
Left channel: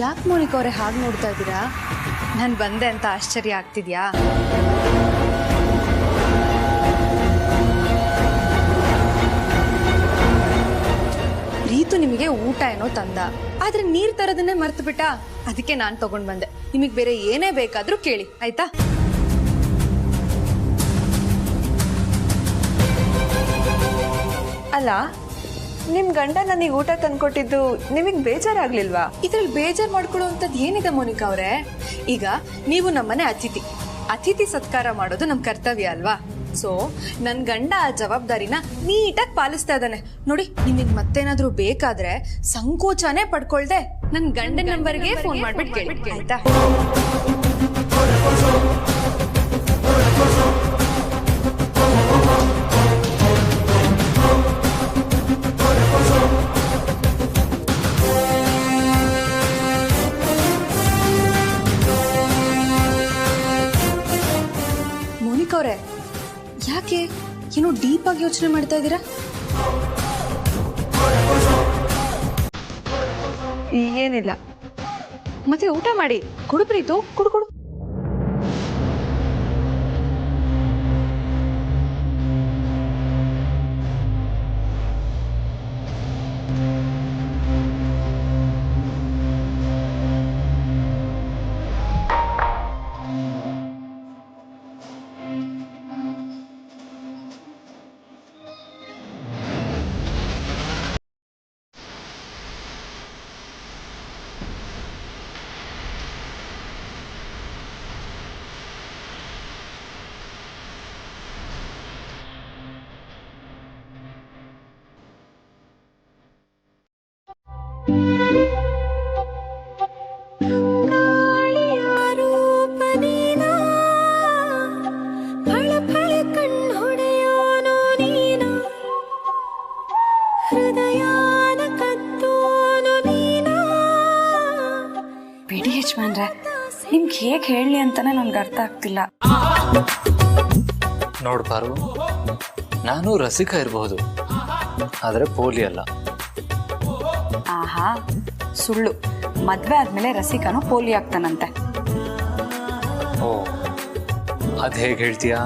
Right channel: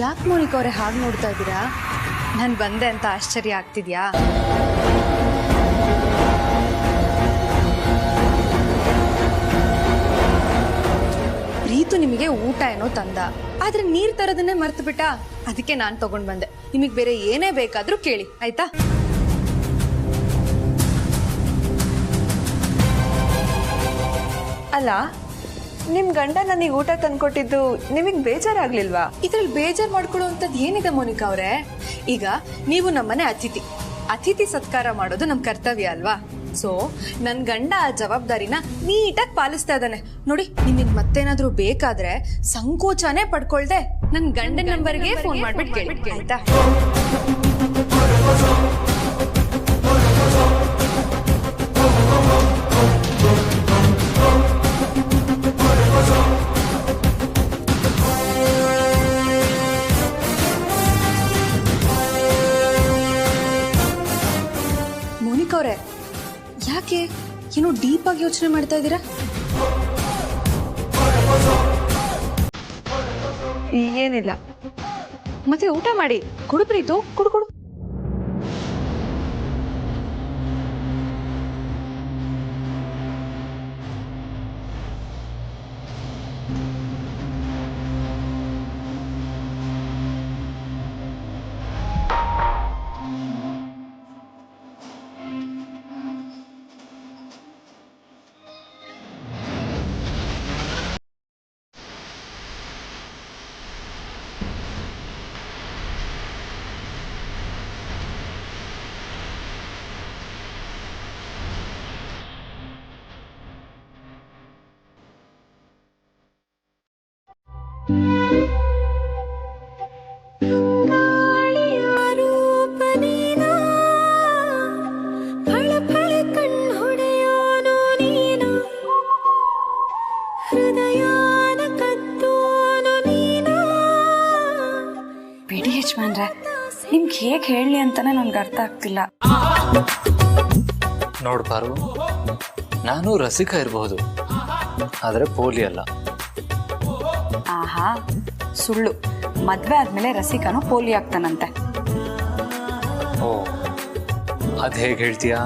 ಯಾಕೆ ಮೋನಿಕಾ ಅವರೇ ಹಾಗೆ ನೋಡ್ತಾ ಇದ್ದೀರಾ? ನಾನು ಬಂದೆ ಅಂತ ಆಶ್ಚರ್ಯ ಆಗ್ತಿದ್ಯಾ? ಪ್ರೀತು ನಿಮಗೆ ಊಟ ಏನೋ ತಂದ, ಆದ್ರೆ ನೀರ್ ತರೋದನ್ನೇ ಮರ್ತು ಬಿಟ್ಟ. ಅದಕ್ಕೆ ನಾನ್ ತಗೊಂಡ್ ಬಂದೆ. ನಿಮಗ್ ಬೇರೆ ಏನೇ ಬೇಕಾದ್ರೂ ಕೇಳಿ, ಆಯ್ತಾ? ಅಲ್ಲ, ನಿಮ್ ಗಂಡ ನನಗೆ ಊಟ ತಂದ್ಕೊಟ್ಟಿದ್ದು ನಿಮಗ್ ಬೇಜಾರಾಗ್ಲಿಲ್ವಾ? ಇದ್ರಲ್ಲಿ ಬೇಜಾರ್ ಮಾಡ್ಕೊಳ್ಳುವಂಥದ್ದು ಏನಿದೆ ಮೋನಿಕಾ ಅವರೇ? ಈಗ ನೀವು ನಮ್ಮನೆ ಅತಿಥಿ ಸತ್ಕಾರ ಮಾಡೋದು ನಮ್ ಕರ್ತವ್ಯ ಅಲ್ವಾ? ಸೊ ನನ್ ಗಂಡ ಆ ಜವಾಬ್ದಾರಿನ ನೀಟಾಗಿ ಪಾಲಿಸ್ತಾ ಇದ್ದಾನೆ ನೋಡಿ. ನಿಮಗ್ ಮತ್ತೇನಾದ್ರೂ ಬೇಕಾದ್ರೆ ಸಂಕೋಚನೆ ಪಡ್ಕೊಳ್ದೆ ನನ್ ಗಂಡನ ನಂಬರ್ಗೆ ಫೋನ್ ಮಾಡ್ಬಿಟ್ಟು ಕೇಳಿ, ಆಯ್ತಾ? ಮೋನಿಕಾ ಅವರೇ, ಯಾಕೆ ಏನೋ ಡೀಪ್ ಆಗಿ ಯೋಚನೆ ಮಾಡ್ತಾ ಇದ್ದೀರಾ? ಏನಿಲ್ಲ. ಮತ್ತೆ ಊಟ ಮಾಡಿ. ಕುಡು ಪ್ರೀತು, ಕುಡು ಕುಡು. ಬಿಡಿ ಯಜಮಾನ್ರೆ, ನಿಮ್ಗೆ ಹೇಗೆ ಹೇಳಲಿ ಅಂತಾನೆ ನನ್ಗೆ ಅರ್ಥ ಆಗ್ತಿಲ್ಲ. ನೋಡ್ಬಾರು, ನಾನು ರಸಿಕ ಇರಬಹುದು, ಆದರೆ ಪೋಲಿ ಅಲ್ಲ. ಆಹಾ, ಸುಳ್ಳು. ಮದ್ವೆ ಆದ್ಮೇಲೆ ರಸಿಕನು ಪೋಲಿ ಆಗ್ತಾನಂತೆ. ಓ, ಅದ್ ಹೇಗೆ ಹೇಳ್ತೀಯಾ?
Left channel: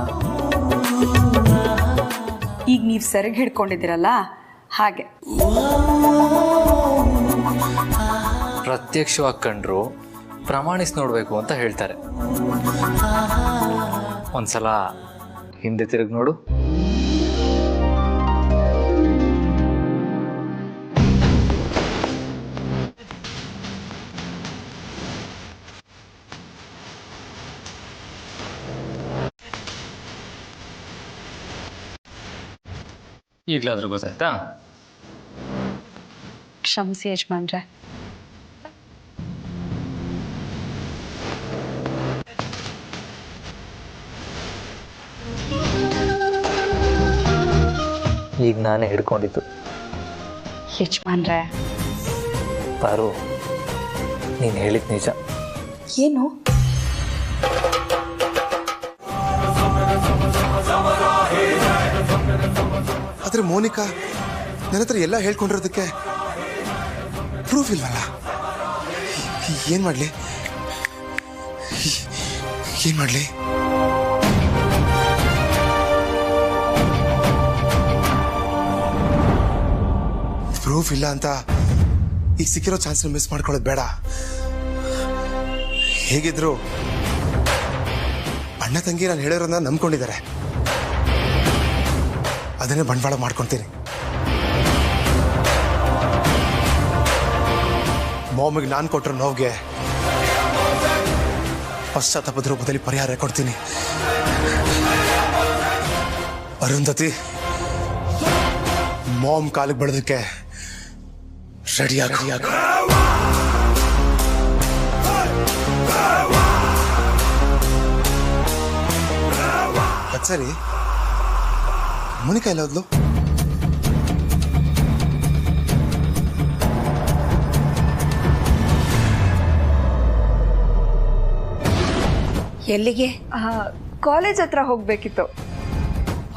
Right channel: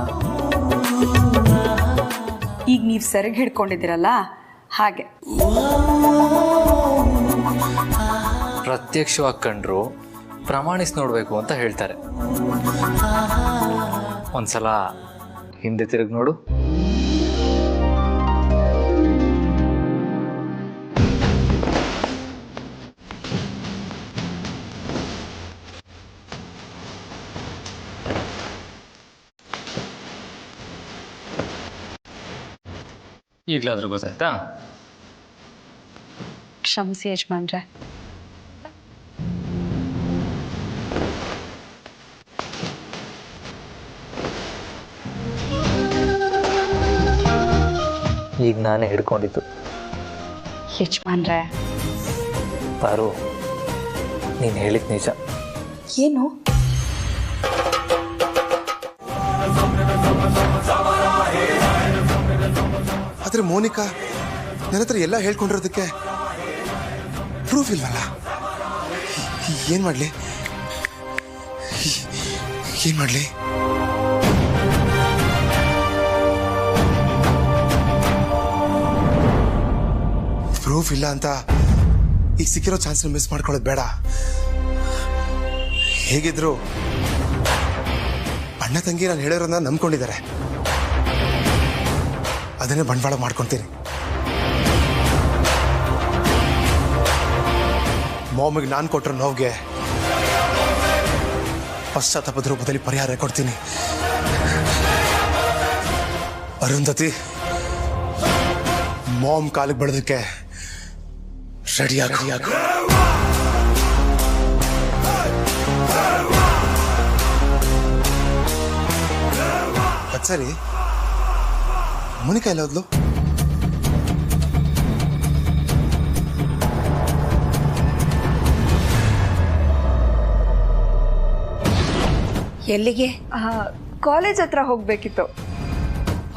ಈಗ ನೀವು ಸೆರಗ್ ಹಿಡ್ಕೊಂಡಿದ್ದೀರಲ್ಲ ಹಾಗೆ. ಪ್ರತ್ಯಕ್ಷವಾಗಿ ಕಂಡ್ರು ಪ್ರಮಾಣಿಸಿ ನೋಡ್ಬೇಕು ಅಂತ ಹೇಳ್ತಾರೆ. ಒಂದ್ಸಲ ಹಿಂದೆ ತಿರುಗಿ ನೋಡು. ಈಗಲಾದ್ರೂ ಗೊತ್ತಾಯ್ತಾ? ಕ್ಷಮಿಸಿ ಯಜಮಾನ್ರೆ. ಈಗ ನಾನೇ ಹಿಡ್ಕೊಂಡಿದ್ದು. ಯಜಮಾನ್ರೆ, ಪಾರು, ನೀನು ಹೇಳಿದ ನಿಜ. ಏನು? ಆದ್ರೆ ಮೋನಿಕಾ ನನ್ನ ಹತ್ರ ಎಲ್ಲ ಹೇಳ್ಕೊಂಡಿರೋದಕ್ಕೆ ಪ್ರೂಫ್ ಇಲ್ವಲ್ಲ? ಏನ್ ಮಾಡ್ಲಿ ಏನ್ ಮಾಡ್ಲಿ? ಪ್ರೂಫ್ ಇಲ್ಲ ಅಂತ ಈಗ ಸಿಕ್ಕಿರೋ ಚಾನ್ಸ್ ಮಿಸ್ ಮಾಡ್ಕೊಳ್ಳೋದು ಬೇಡ. ಹೇಗಿದ್ರು ಅಣ್ಣ ತಂಗಿ ನಾನು ಹೇಳಿರೋದನ್ನ ನಂಬ್ಕೊಂಡಿದ್ದಾರೆ. ಅದನ್ನೇ ಬಂಡವಾಳ ಮಾಡ್ಕೊಂತೀನಿ. ಮಾಮಿಗೆ ನಾನು ಕೊಟ್ಟರು ನೋವಿಗೆ ಪಶ್ಚಾತ್ತಾಪದ ರೂಪದಲ್ಲಿ ಪರಿಹಾರ ಕೊಡ್ತೀನಿ. ಅರುಂಧತಿ, ಮಾಮ್ ಕಾಲಿಗೆ ಬಡೋದಕ್ಕೆ ರೆಡಿಯಾಗ. ಸರಿ, ಮೋನಿಕಾ ಎಲ್ಲ ಹೋದ್ಲು? ಎಲ್ಲಿಗೆ? ಕಾಲೇಜ್ ಹತ್ರ ಹೋಗ್ಬೇಕಿತ್ತು.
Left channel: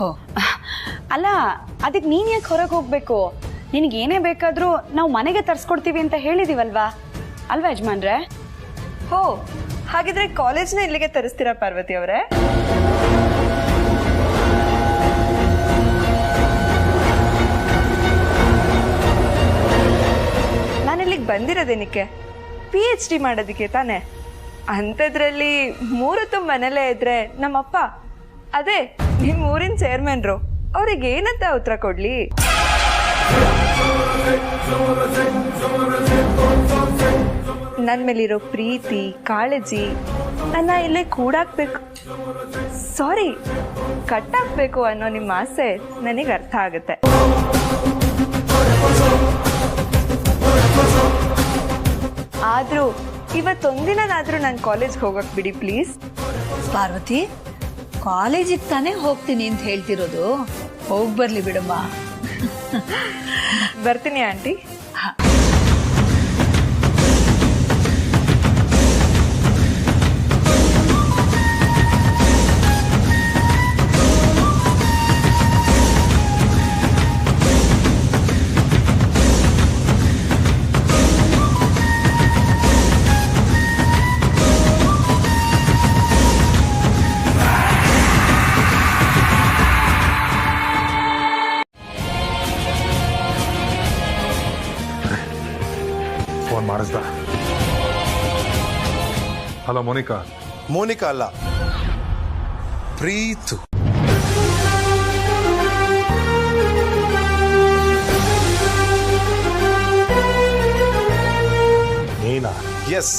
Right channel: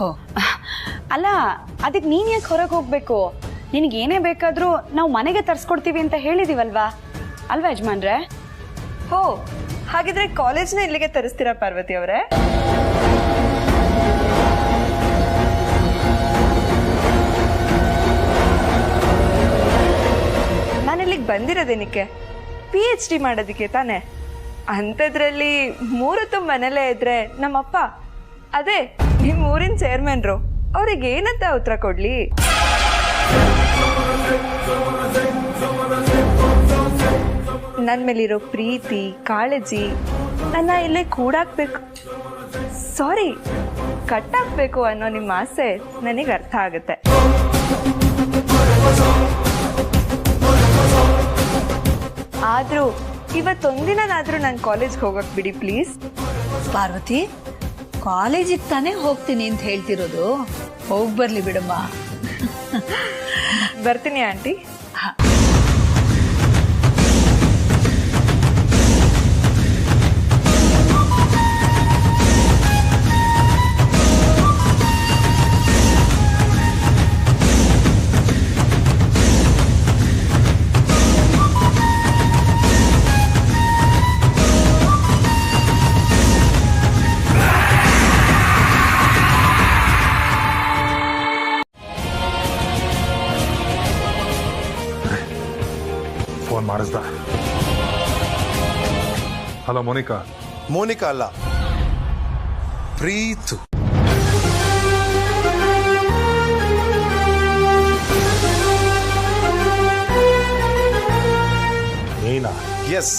ಓ ಅಲ್ಲ, ಅದಕ್ಕೆ ನೀನ್ ಯಾಕೆ ಹೊರಗೆ ಹೋಗ್ಬೇಕು? ನಿನಗೆ ಏನೇ ಬೇಕಾದ್ರೂ ನಾವು ಮನೆಗೆ ತರ್ಸ್ಕೊಡ್ತೀವಿ ಅಂತ ಹೇಳಿದೀವಲ್ವಾ, ಅಲ್ವಾ ಯಜಮಾನ್ರೆ? ಹೋ, ಹಾಗಿದ್ರೆ ಕಾಲೇಜ್ನ ಇಲ್ಲಿಗೆ ತರಿಸ್ತೀರಾ ಪಾರ್ವತಿ ಅವರೇ? ನಾನಿಲ್ಲಿಗೆ ಬಂದಿರೋದೇನಕ್ಕೆ? PhD ಮಾಡೋದಕ್ಕೆ ತಾನೆ. ಅಂಥದ್ರಲ್ಲಿ 3 ಹೊತ್ತು ಮನೇಲೇ ಇದ್ರೆ ನಮ್ಮಪ್ಪ, ಅದೇ ನಿಮ್ಮ ಊರಿನ ಚೇರ್ಮನ್ರು, ಅವ್ರಿಗೆ ಏನಂತ ಉತ್ತರ ಕೊಡ್ಲಿ? ನನ್ನ ಮೇಲಿರೋ ಪ್ರೀತಿ ಕಾಳಜಿ ನನ್ನ ಇಲ್ಲೇ ಕೂಡಾಕ್ಬೇಕು, ಸಾರಿ ಕಟ್ಟಾಕ್ಬೇಕು ಅನ್ನೋ ನಿಮ್ಮ ಆಸೆ ನನಗೆ ಅರ್ಥ ಆಗುತ್ತೆ. ಆದ್ರೂ ಇವತ್ತೊಂದಿನಾದ್ರೂ ನಾನು ಕಾಲೇಜ್ಗೆ ಹೋಗಕ್ ಬಿಡಿ ಪ್ಲೀಸ್. ಪಾರ್ವತಿ, ಕಾಲೇಜಿಗೆ ತಾನೇ ಹೋಗ್ತೀನಿ ಅಂತ ಹೇಳ್ತಿರೋದು, ಹೋಗಿ ಬರ್ಲಿ ಬಿಡಮ್ಮ. ಬರ್ತೀನಿ ಆಂಟಿ. ಫೋನ್ ಮಾಡಿಸ್ದ? ಹಲೋ ಮೋನಿಕಾ. ಮೋನಿಕಾ ಅಲ್ಲ, ಪ್ರೀತು. ನೀನಾ? Yes,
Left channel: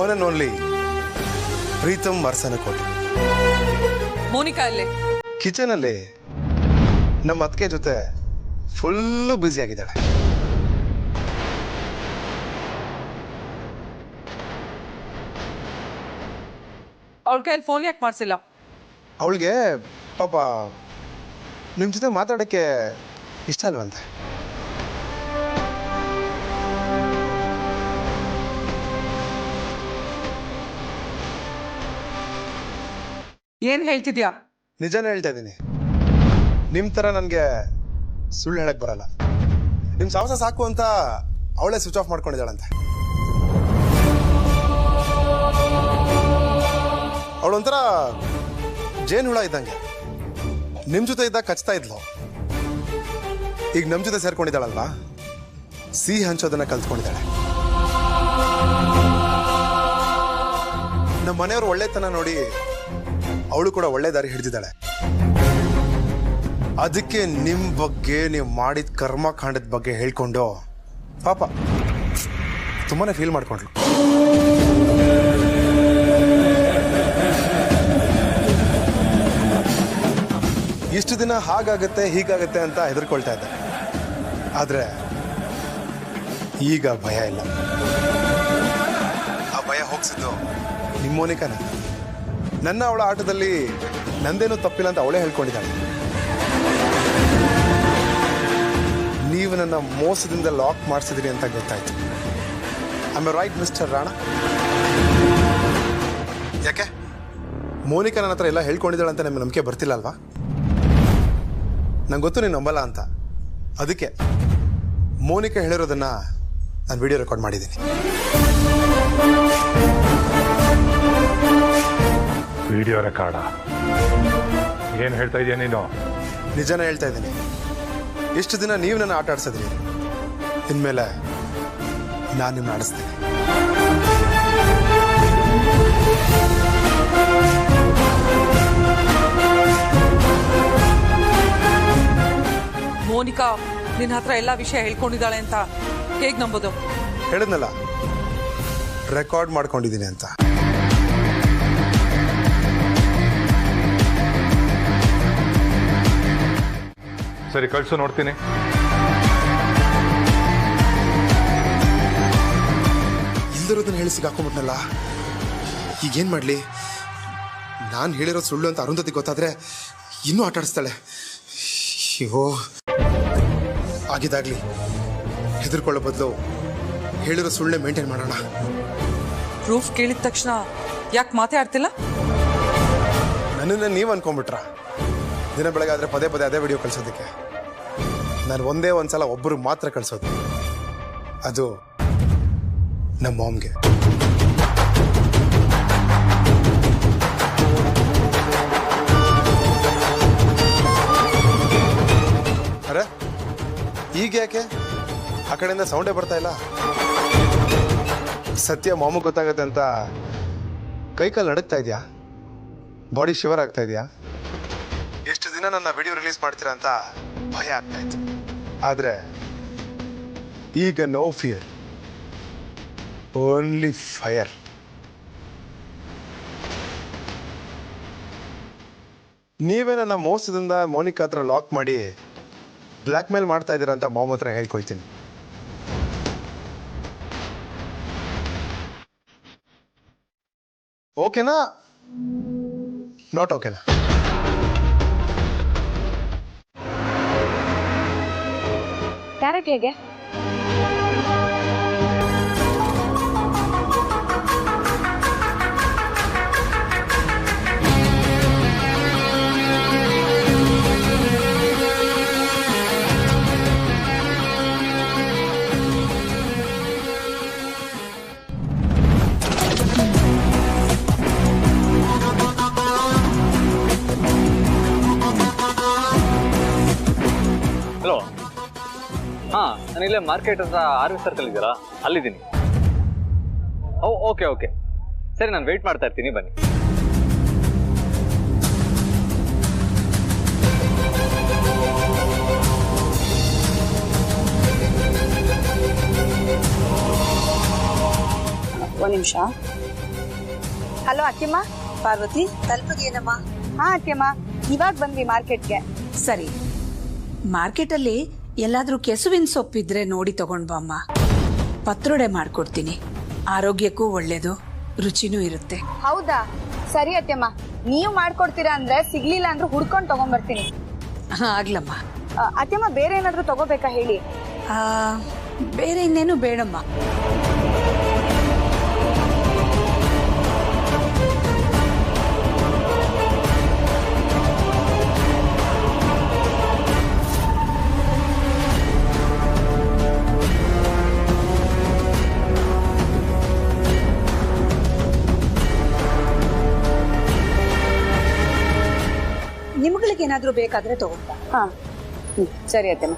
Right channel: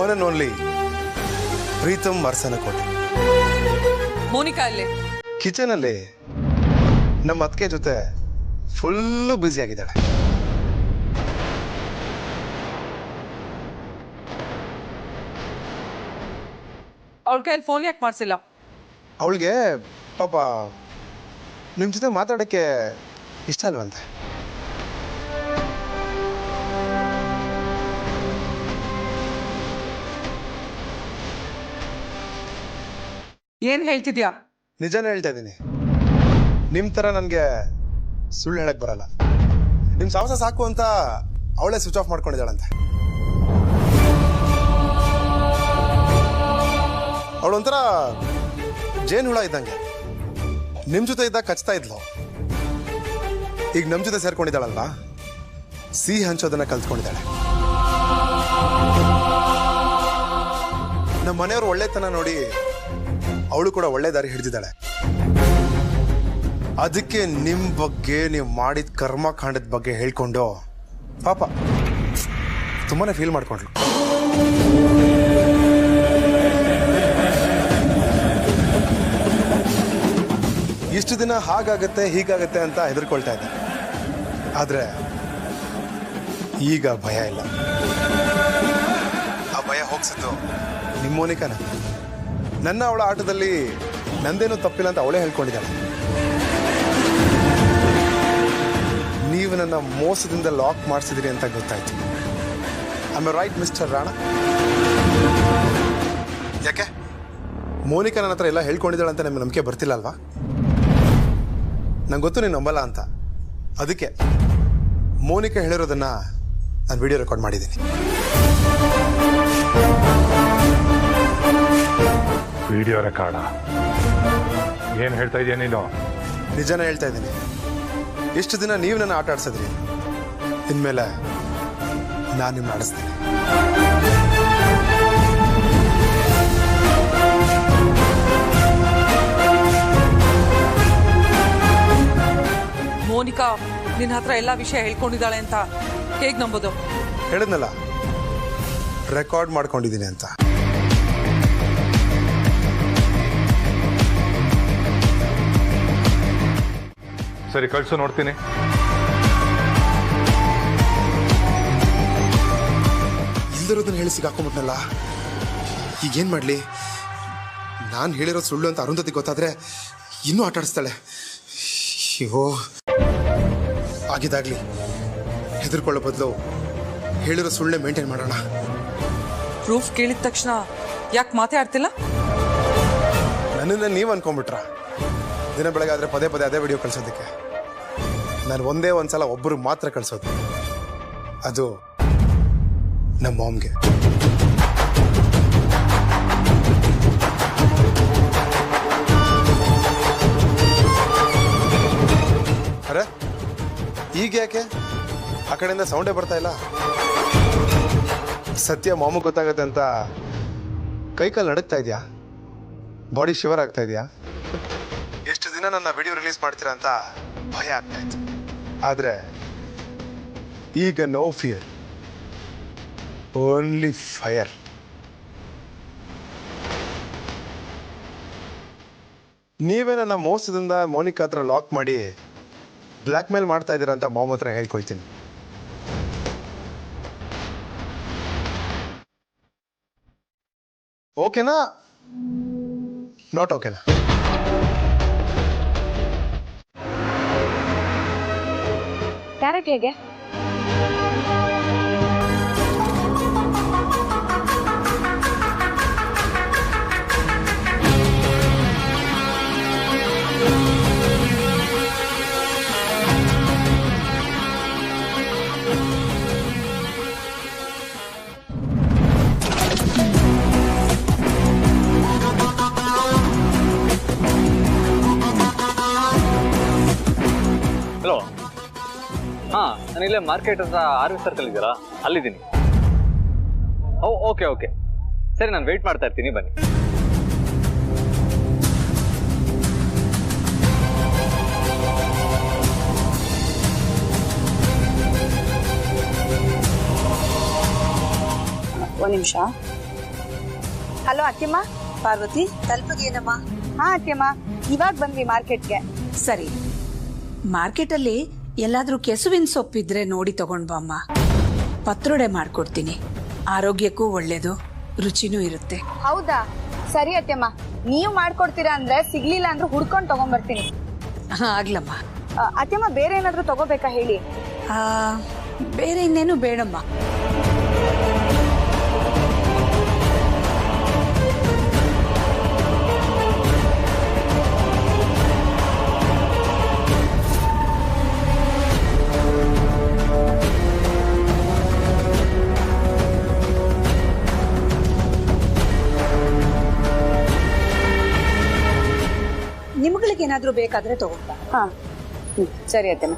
one and only Preetham Marsanakote. Monika ಅಲ್ಲೇ ಕಿಚನ್ ಅಲ್ಲಿ ನಮ್ಮ ಅತ್ತಿಗೆ ಜೊತೆ ಫುಲ್ಲು ಬ್ಯುಸಿ ಆಗಿದ್ದಾಳೆ. ಅವ್ಳ ಕೈಯಲ್ಲಿ ಫೋನ್ ಯಾಕೆ ಮಾಡಿಸಿಲ್ಲ? ಅವಳಿಗೆ ಪಾಪ ನಿಮ್ಮ ಜೊತೆ ಮಾತಾಡೋಕ್ಕೆ ಇಷ್ಟ ಅಲ್ವಂತೆ. ಏನ್ ಹೇಳ್ತಿದ್ಯಾ? ನಿಜಾನೇ ಹೇಳ್ತಾ ಇದ್ದೀನಿ. ನಿಮ್ಮ ಥರ ನನಗೆ ಸುಳ್ಳು ಹೇಳಕ್ ಬರಲ್ಲ. ನಿಮ್ಮ ಸಾಹಸ ಸಾಕು ಅಂತ ಅವಳೇ ಸ್ವಿಚ್ ಆಫ್ ಮಾಡ್ಕೊಂಡಿದ್ದಾಳಂತೆ. ಅವಳೊಂಥರ ಜೇನು ಹುಳ ಇದ್ದಂಗೆ, ನಿಮ್ಮ ಜೊತೆ ಇದ್ದಾಗ ಕಚ್ತಾ ಇದ್ಲು. ಈಗ ನಮ್ಮ ಜೊತೆ ಸೇರ್ಕೊಂಡಿದ್ದಾಳಲ್ವಾ, ಸಿಹಿ ಹಂಚೋದನ್ನ ಕಲ್ತ್ಕೊಂಡಿದ್ದಾಳೆ. ನಮ್ಮ ಮನೆಯವರು ಒಳ್ಳೆತನ ನೋಡಿ ಅವಳು ಕೂಡ ಒಳ್ಳೆ ದಾರಿ ಹಿಡಿದಿದ್ದಾಳೆ. ಅದಕ್ಕೆ ನಿಮ್ಮ ಬಗ್ಗೆ, ನೀವು ಮಾಡಿದ ಕರ್ಮಕಾಂಡದ ಬಗ್ಗೆ ಹೇಳ್ಕೊಂಡು ಪಾಪ ತುಂಬಾನೇ ಫೀಲ್ ಮಾಡ್ಕೊಂಡ್ಲು. ಇಷ್ಟು ದಿನ ಹಾಗಾಗತ್ತೆ ಹೀಗಾಗತ್ತೆ ಅಂತ ಹೆದರ್ಕೊಳ್ತಾ ಇದ್ದೆ. ಆದ್ರೆ ಈಗ ಭಯ ಇಲ್ಲ. ಆ ಭಯ ಹೋಗ್ಸಿದ್ದು ನಿಮ್ಮ ಮೋನಿಕಾನ. ನನ್ನ ಅವಳ ಆಟದಲ್ಲಿ ನಂದೇನೂ ತಪ್ಪಿಲ್ಲ ಅಂತ ಅವಳೇ ಹೇಳ್ಕೊಂಡಿದ್ದಾಳೆ. ನೀವು ನನ್ನ ಮೋಸದಿಂದ ಲಾಕ್ ಮಾಡಿಸಿದ್ರಿ ಅಂತ ಗೊತ್ತಾಯ್ತು. I am right mister Rana? ಯಾಕೆ ಮೋನಿಕಾ ನನ್ನ ಹತ್ರ ಎಲ್ಲ ಹೇಳ್ಕೊಂಡಿದ್ದಾಳೆ ಅಂತ ನಿಮ್ಗೆ ನಂಬಿಕೆ ಬರ್ತಿಲ್ಲ ಅಲ್ವಾ? ನಂಗೆ ಗೊತ್ತು ನೀನು ನಂಬಲ್ಲ ಅಂತ. ಅದಕ್ಕೆ ಮೋನಿಕಾ ಹೇಳಿರೋದನ್ನ ನಾನು ವಿಡಿಯೋ ರೆಕಾರ್ಡ್ ಮಾಡಿದ್ದೀನಿ. Video record? ಏನು ಹೇಳ್ತಾ ಇದೀಯ ನೀನು? ನಿಜನ ಹೇಳ್ತಾ ಇದ್ದೀನಿ. ಎಷ್ಟು ದಿನ ನೀವು ನನ್ನ ಆಟ ಆಡ್ಸಿದ್ರಿ, ಇನ್ಮೇಲೆ ನಾನು ನಿಮ್ಮನ್ನ ಆಡಿಸ್ತೀನಿ. ಮೋನಿಕಾ ನಿನ್ನ ಹತ್ರ ಎಲ್ಲಾ ವಿಷಯ ಹೇಳ್ಕೊಂಡಿದ್ದಾಳೆ ಅಂತ ಹೇಗ್ ನಂಬೋದು? ಹೇಳಿದ್ನಲ್ಲ, ರೆಕಾರ್ಡ್ ಮಾಡ್ಕೊಂಡಿದ್ದೀನಿ ಅಂತ. ಸರಿ, ಕಳ್ಸು, ನೋಡ್ತೀನಿ. ಇಲ್ದಿರೋದನ್ನ ಹೇಳಿ ಸಿಗಾಕೊಂಡ್ಬಿಟ್ನಲ್ಲ, ಈಗೇನ್ ಮಾಡ್ಲಿ? ನಾನು ಹೇಳಿರೋ ಸುಳ್ಳು ಅಂತ ಅರುಂಧತಿ ಗೊತ್ತಾದ್ರೆ ಇನ್ನೂ ಆಟ ಆಡಿಸ್ತಾಳೆ. ಅಯ್ಯೋ, ಆಗಿದಾಗ್ಲಿ. ಹೆದರ್ಕೊಳ್ಳೋ ಬದಲು ಹೇಳಿರೋ ಸುಳ್ಳೆ ಮೇಂಟೈನ್ ಮಾಡೋಣ. ಪ್ರೂಫ್ ಕೇಳಿದ ತಕ್ಷಣ ಯಾಕೆ ಮಾತೇ ಆಡ್ತಿಲ್ಲ? ನನ್ನನ್ನ ನೀವು ಅನ್ಕೊಂಡ್ಬಿಟ್ರ? ದಿನ ಬೆಳಗಾದ್ರೆ ಪದೇ ಪದೇ ಅದೇ ವಿಡಿಯೋ ಕಳ್ಸೋದಕ್ಕೆ ನಾನು ಒಂದೇ ಒಂದ್ಸಲ ಒಬ್ಬರು ಮಾತ್ರ ಕಳ್ಸೋದು, ಅದು ನಮ್ಮ ಮಾಮ್ಗೆ. ಅರೆ, ಈಗ ಯಾಕೆ ಆ ಕಡೆಯಿಂದ ಸೌಂಡೇ ಬರ್ತಾ ಇಲ್ಲ? ಸತ್ಯ ಮಾಮೂಗ್ ಗೊತ್ತಾಗತ್ತೆ ಅಂತ ಕೈಕಾಲು ನಡುಗ್ತಾ ಇದೆಯಾ? ಬಾಡಿ ಶಿವರ್ ಆಗ್ತಾ ಇದೆಯಾ? ಎಷ್ಟು ದಿನ ನನ್ನ ವಿಡಿಯೋ ರಿಲೀಸ್ ಮಾಡ್ತೀರಾ ಅಂತ ಭಯ ಆಗ್ತಾ ಇತ್ತು. ಆದ್ರೆ ಈಗ ನೋ ಫಿಯರ್, ಓನ್ಲಿ ಫೈರ್. ನೀವೇ ನನ್ನ ಮೋಸದಿಂದ ಮೋನಿಕಾ ಹತ್ರ ಲಾಕ್ ಮಾಡಿ ಬ್ಲ್ಯಾಕ್ ಮೇಲ್ ಮಾಡ್ತಾ ಇದ್ದೀರಾ ಅಂತ ಮಾಮ್ ಹತ್ರ ಹೇಳ್ಕೊಳ್ತೀನಿ. ಓಕೆನಾ? ನಾಟ್ ಓಕೆನಾ? ಕ್ಯಾರೆಟ್ ಹೇಗೆ? ಹಲೋ, ಹಾಂ, ನಾನಿಲ್ಲೇ ಮಾರ್ಕೆಟ್ ಹತ್ರ ಆರ್ವಿ ಸರ್ಕಲ್ ಇದ್ದೀರಾ? ಅಲ್ಲಿದ್ದೀನಿ. ಓಕೆ ಓಕೆ, ಸರಿ, ನಾನು ವೆಯ್ಟ್ ಮಾಡ್ತಾ ಇರ್ತೀನಿ, ಬನ್ನಿ. ಒಂದು ನಿಮಿಷ. ಹಲೋ ಅತ್ತೆಮ್ಮ. ಪಾರ್ವತಿ, ತಲುಪದೇನಮ್ಮ? ಹಾ ಅತ್ತೆಮ್ಮ, ಇವಾಗ ಬಂದ್ವಿ ಮಾರ್ಕೆಟ್ಗೆ. ಸರಿ, ಮಾರ್ಕೆಟಲ್ಲಿ ಎಲ್ಲಾದ್ರೂ ಕೆಸುವಿನ ಸೊಪ್ಪಿದ್ರೆ ನೋಡಿ ತಗೊಂಡ್ ಬಮ್ಮ. ಪತ್ರೊಡೆ ಮಾಡ್ಕೊಡ್ತೀನಿ, ಆರೋಗ್ಯಕ್ಕೂ ಒಳ್ಳೇದು, ರುಚಿನೂ ಇರುತ್ತೆ. ಹೌದಾ? ಸರಿ ಅತ್ತೆಮ್ಮ, ನೀವು ಮಾಡ್ಕೊಡ್ತೀರಾ ಅಂದ್ರೆ ಸಿಗ್ಲಿಲ್ಲ ಅಂದ್ರೆ ಹುಡ್ಕೊಂಡು ತಗೊಂಡ್ಬರ್ತೀನಿ. ಆಗ್ಲಮ್ಮ. ಅತ್ತೆಮ್ಮ, ಬೇರೆ ಏನಾದ್ರೂ ತಗೋಬೇಕಾ ಹೇಳಿ? ಬೇರೆ ಇನ್ನೇನು ಬೇಡಮ್ಮ. ನಿಮ್ಗಳಿಗೇನಾದ್ರೂ ಬೇಕಾದ್ರೆ ತಗೊಂಡ. ಹಾ, ಸರಿ ಅತ್ತೆಮ್ಮ.